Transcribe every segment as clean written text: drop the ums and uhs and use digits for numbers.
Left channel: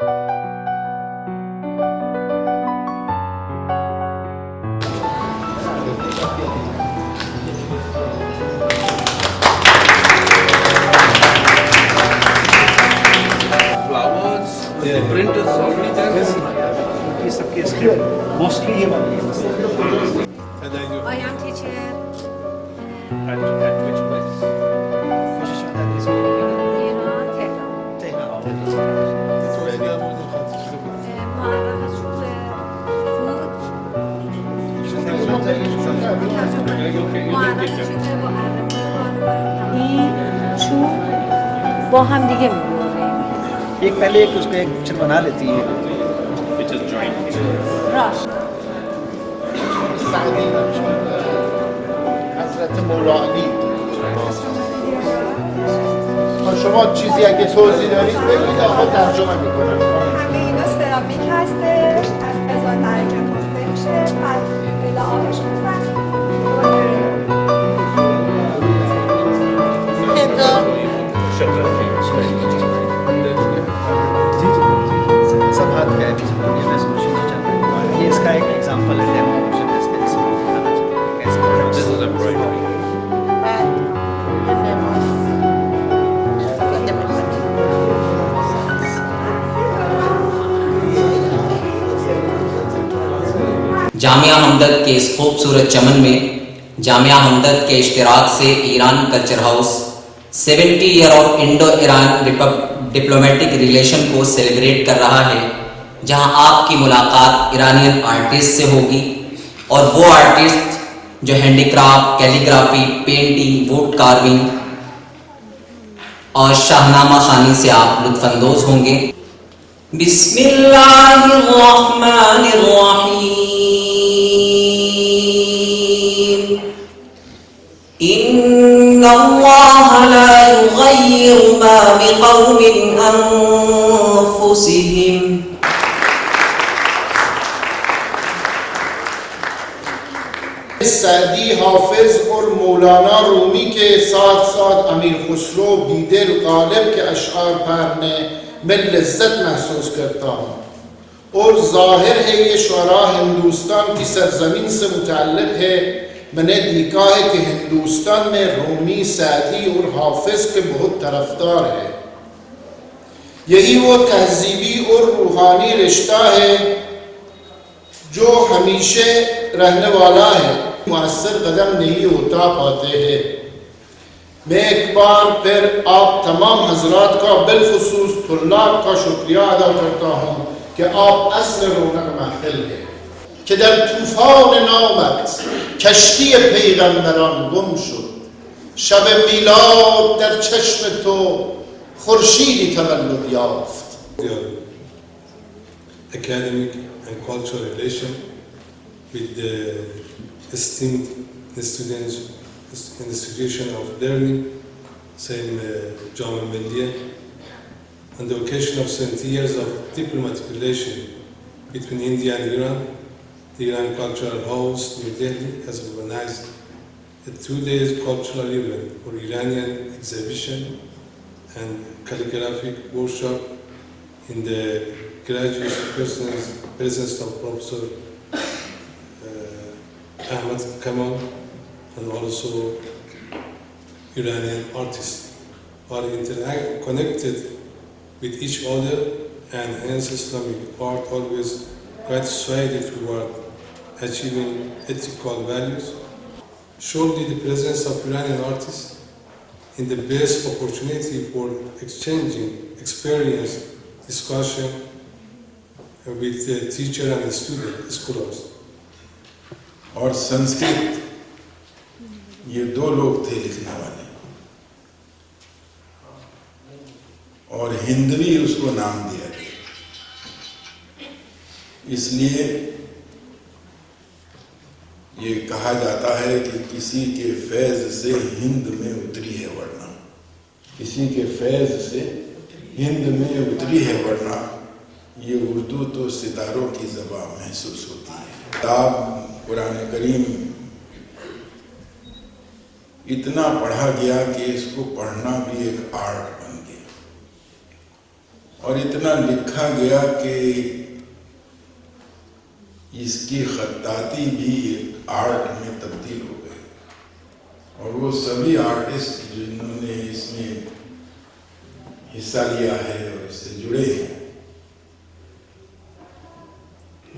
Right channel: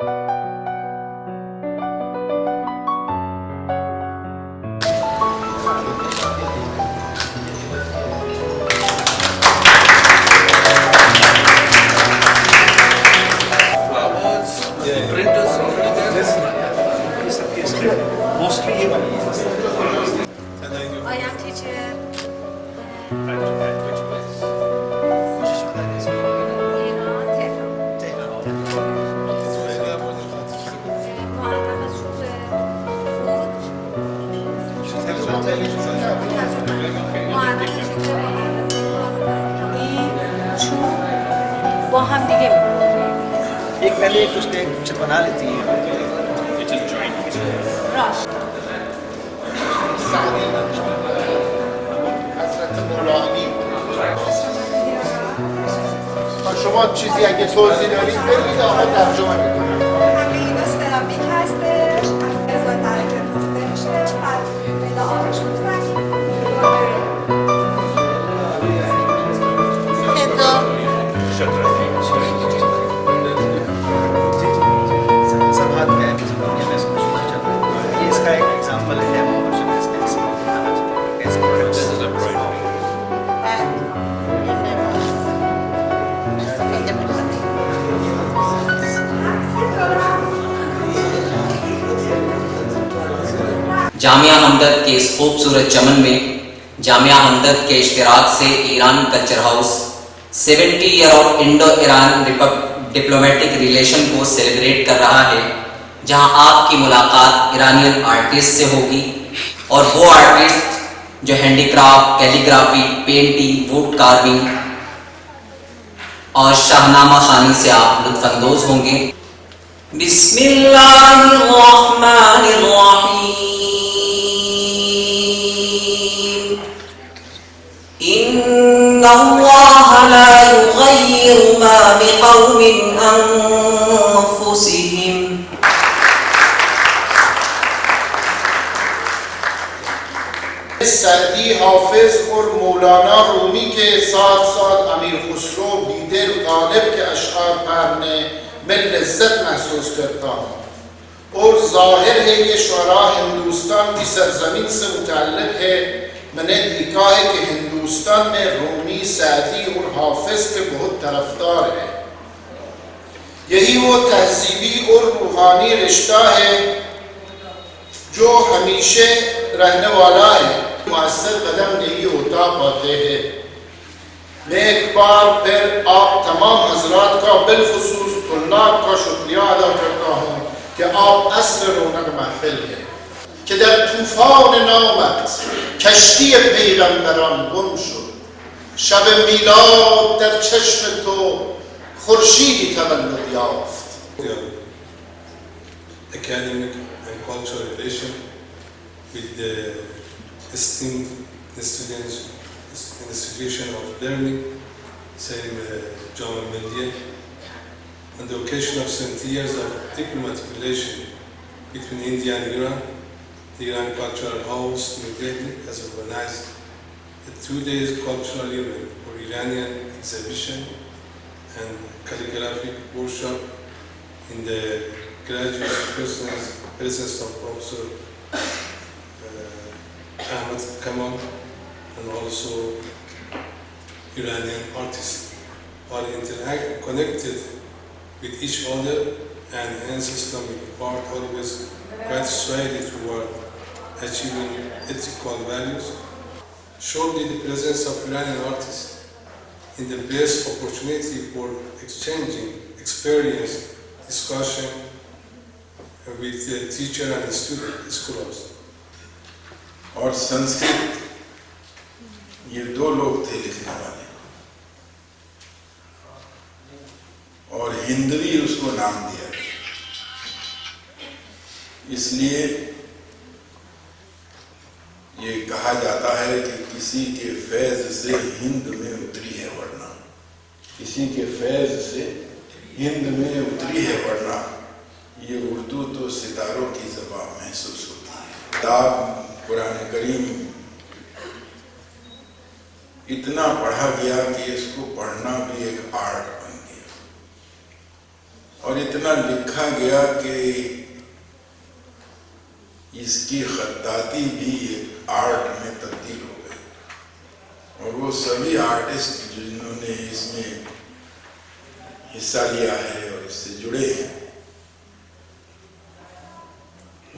Mostly ये वाली है. I am teacher. Iran, با هم دیگه می‌بریم. एक पहले एक उसने कुछ बना लेती है. راست. شما چیزی اگه توضیح دارید بگید آقا ترجمه میکنم. همه اینا سرامیک هستش، از 1000 درجه گفته میشه، بعد به آبش میزنید. सब हाथ का है, सब दुनिया में सब कुछ चल रहा है. ये इसका एक एग्जांपल है, डेमो वर्जन है इसका. कैसे प्रोडक्ट जामिया हमदर के इस खूबसूरत चमन में जामिया हमदर के इश्तिराक से Iran culture house 70 year of Indo Iran diplomatic relation को सेलिब्रेट कर रहा है, जहां आपकी मुलाकात ईरानियन आर्टिस्ट से होगी और वो आर्टिस्ट जो handicraft, calligraphy, painting, wood carving और शाहनामा खानी से आप लुत्फानंदोज होंगे. बिस्मिल्लाहिर्रहमानिर्रहीम. इन्नल्लाह ला युगय्यिरु मा बिक़ौमिन अनफुसिहिम. सऊदी हाफिज और मौलाना रूमी के साथ साथ अमीर खुसरो बीदिल गालिब के अशआर पढ़ने में लज्जत महसूस करता हूँ और जाहिर है ये शुअरा हिंदुस्तान की सरजमीन से मुतअल्लिक़ है. मैंने देखा है कि हिंदुस्तान में रूमी, सऊदी और हाफिज के बहुत तरफदार है. यही वो तहजीबी और रूहानी रिश्ता है जो हमेशा रहने वाला है. मुअस्सर कदम नहीं उठा पाते हैं. मैं एक बार फिर आप तमाम हजरात का बिलखुसूस तुल्लाब का शुक्रिया अदा करता हूँ कि आप असर रौनक महफिल है که در طوفان نامت کشتی پیغمبران گم شد. شب میلاد در چشم تو خورشیدی تولد یافت. Academic and cultural relation with the esteemed students in the situation of learning, same Jama Milliya, on the occasion of 70 years of diplomatic relation between India and Iran. The Iran Cultural House New Delhi has organized a 2-day cultural event for Iranian exhibition and calligraphic workshop in the graduate presence of Professor Ahmad Kamal and also Iranian artists are connected with each other, and hence Islamic art always quite swayed toward achieving ethical values. Surely the presence of Iranian artists in the best opportunity for exchanging experience, discussion with the teacher and the student, scholars. और संस्कृत ये दो लोग थे लिखने वाले, और हिंदवी उसको नाम दिया गया. इसलिए ये कहा जाता है कि किसी के फैज़ से हिंद में उतरी है वरना, किसी के फैज़ से हिंद में उतरी है वरना. ये उर्दू तो सितारों की ज़बान महसूस होती है. किताब कुरान करीम इतना पढ़ा गया कि इसको पढ़ना भी एक आर्ट बन गया. اور اتنا لکھا گیا کہ اس کی خطاطی بھی ایک آرٹ میں تبدیل ہو گئی، اور وہ سبھی آرٹسٹ جنہوں نے اس میں حصہ لیا ہے اور اس سے جڑے ہیں،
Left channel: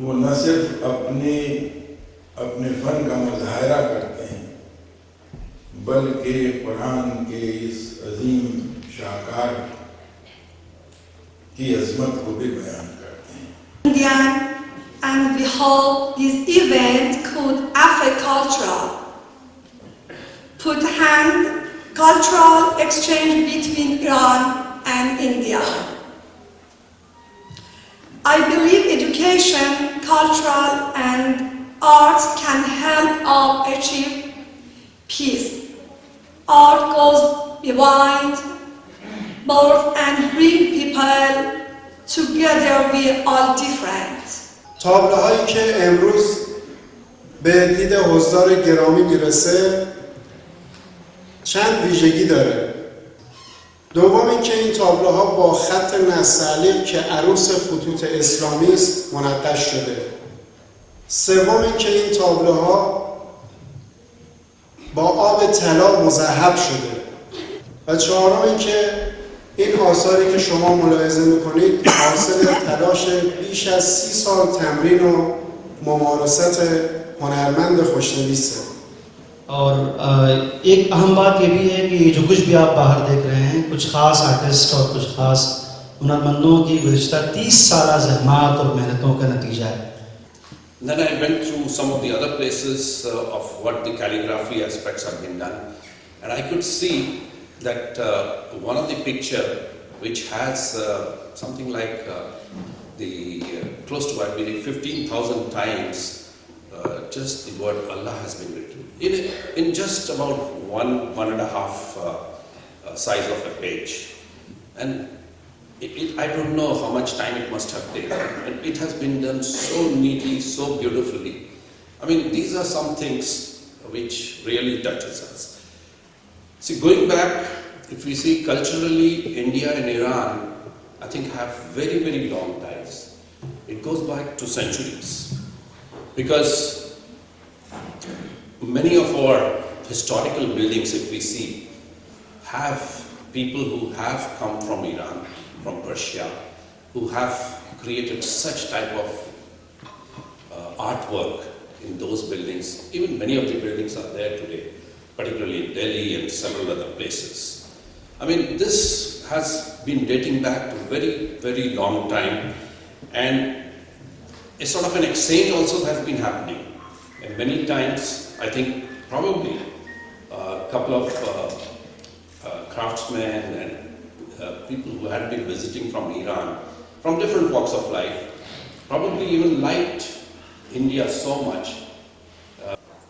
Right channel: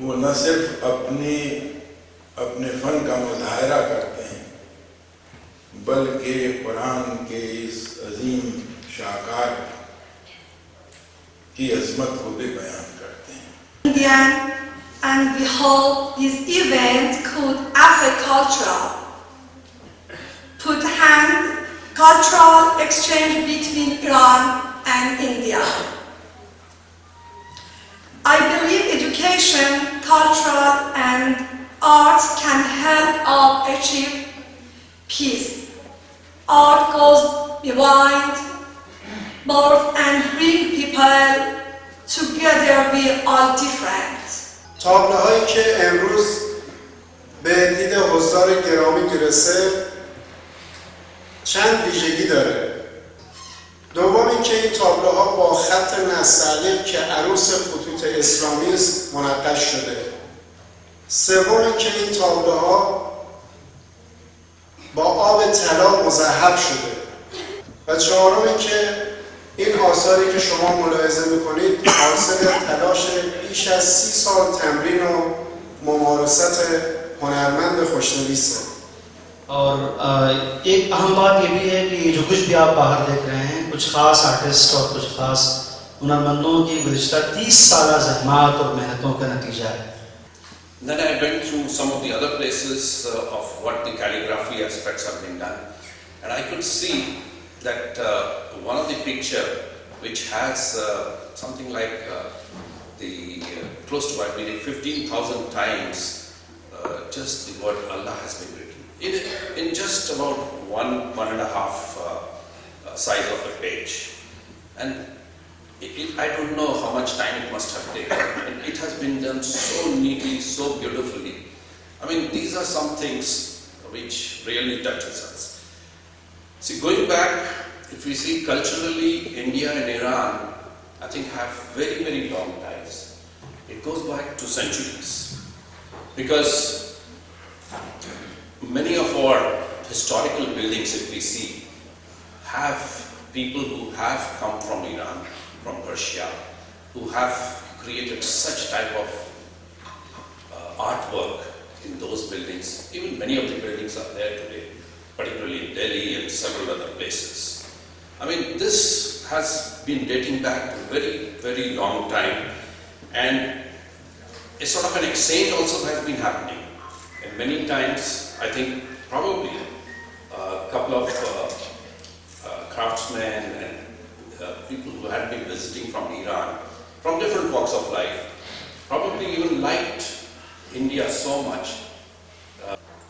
وہ نہ صرف اپنے فن کا مظاہرہ کرتے ہیں بلکہ قرآن کے اس عظیم شاہکار کی عظمت کو بھی بیان کرتے ہیں۔ Indian, and we hope this event could affect put hand cultural exchange between Iran and India. I believe education, cultural and arts can help us achieve peace. Art goes beyond both and bring people together. We are different. تابلوهایی که امروز به دید حضار گرامی میرسه چند ویژگی داره. دوم اینکه N تابلوها با خط نستعلیق که عروس خطوط اسلامی است منقش شده. سوم اینکه این تابلوها با آب طلا مذهب شده. و چهارم اینکه این آثاری که شما ملاحظه میکنید حاصل تلاش بیش از 30 سال تمرین و ممارست هنرمند خوشنویسه. اور ایک اہم بات یہ بھی ہے کہ جو کچھ بھی آپ باہر دیکھ رہے ہیں کچھ خاص آرٹسٹ اور کچھ خاص ہنرمندوں کی گزشتہ 30 سالہ زحمات اور محنتوں کا نتیجہ ہے. Then I went through some of the other places of what the calligraphy aspects have been done, and I could see that one of the picture which has something like close to I believe 15,000 times just the word Allah has been written in just about one and a half size of a page, and I don't know how much time it must have taken, and it has been done so neatly, so beautifully. I mean, these are some things which really touches us. See, going back, if we see culturally, India and Iran, I think have very, very long ties. It goes back to centuries. Because many of our historical buildings, if we see, have people who have come from Iran, from Persia, who have created such type of artwork in those buildings. Even many of the buildings are there today, particularly in Delhi and several other places. I mean, this has been dating back to very, very long time, and a sort of an exchange also has been happening. And many times, I think probably a couple of craftsmen and people who had been visiting from Iran, from different walks of life, probably even liked India so much.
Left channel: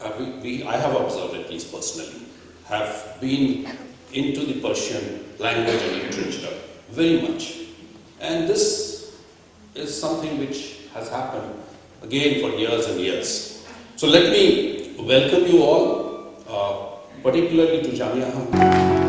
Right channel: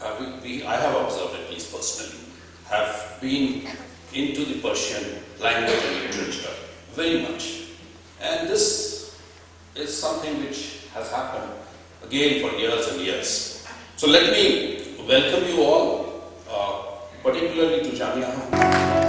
I have observed, at least personally, have been into the Persian language and literature very much. And this is something which has happened again for years and years. So let me welcome you all, particularly to Jamia Hamdard.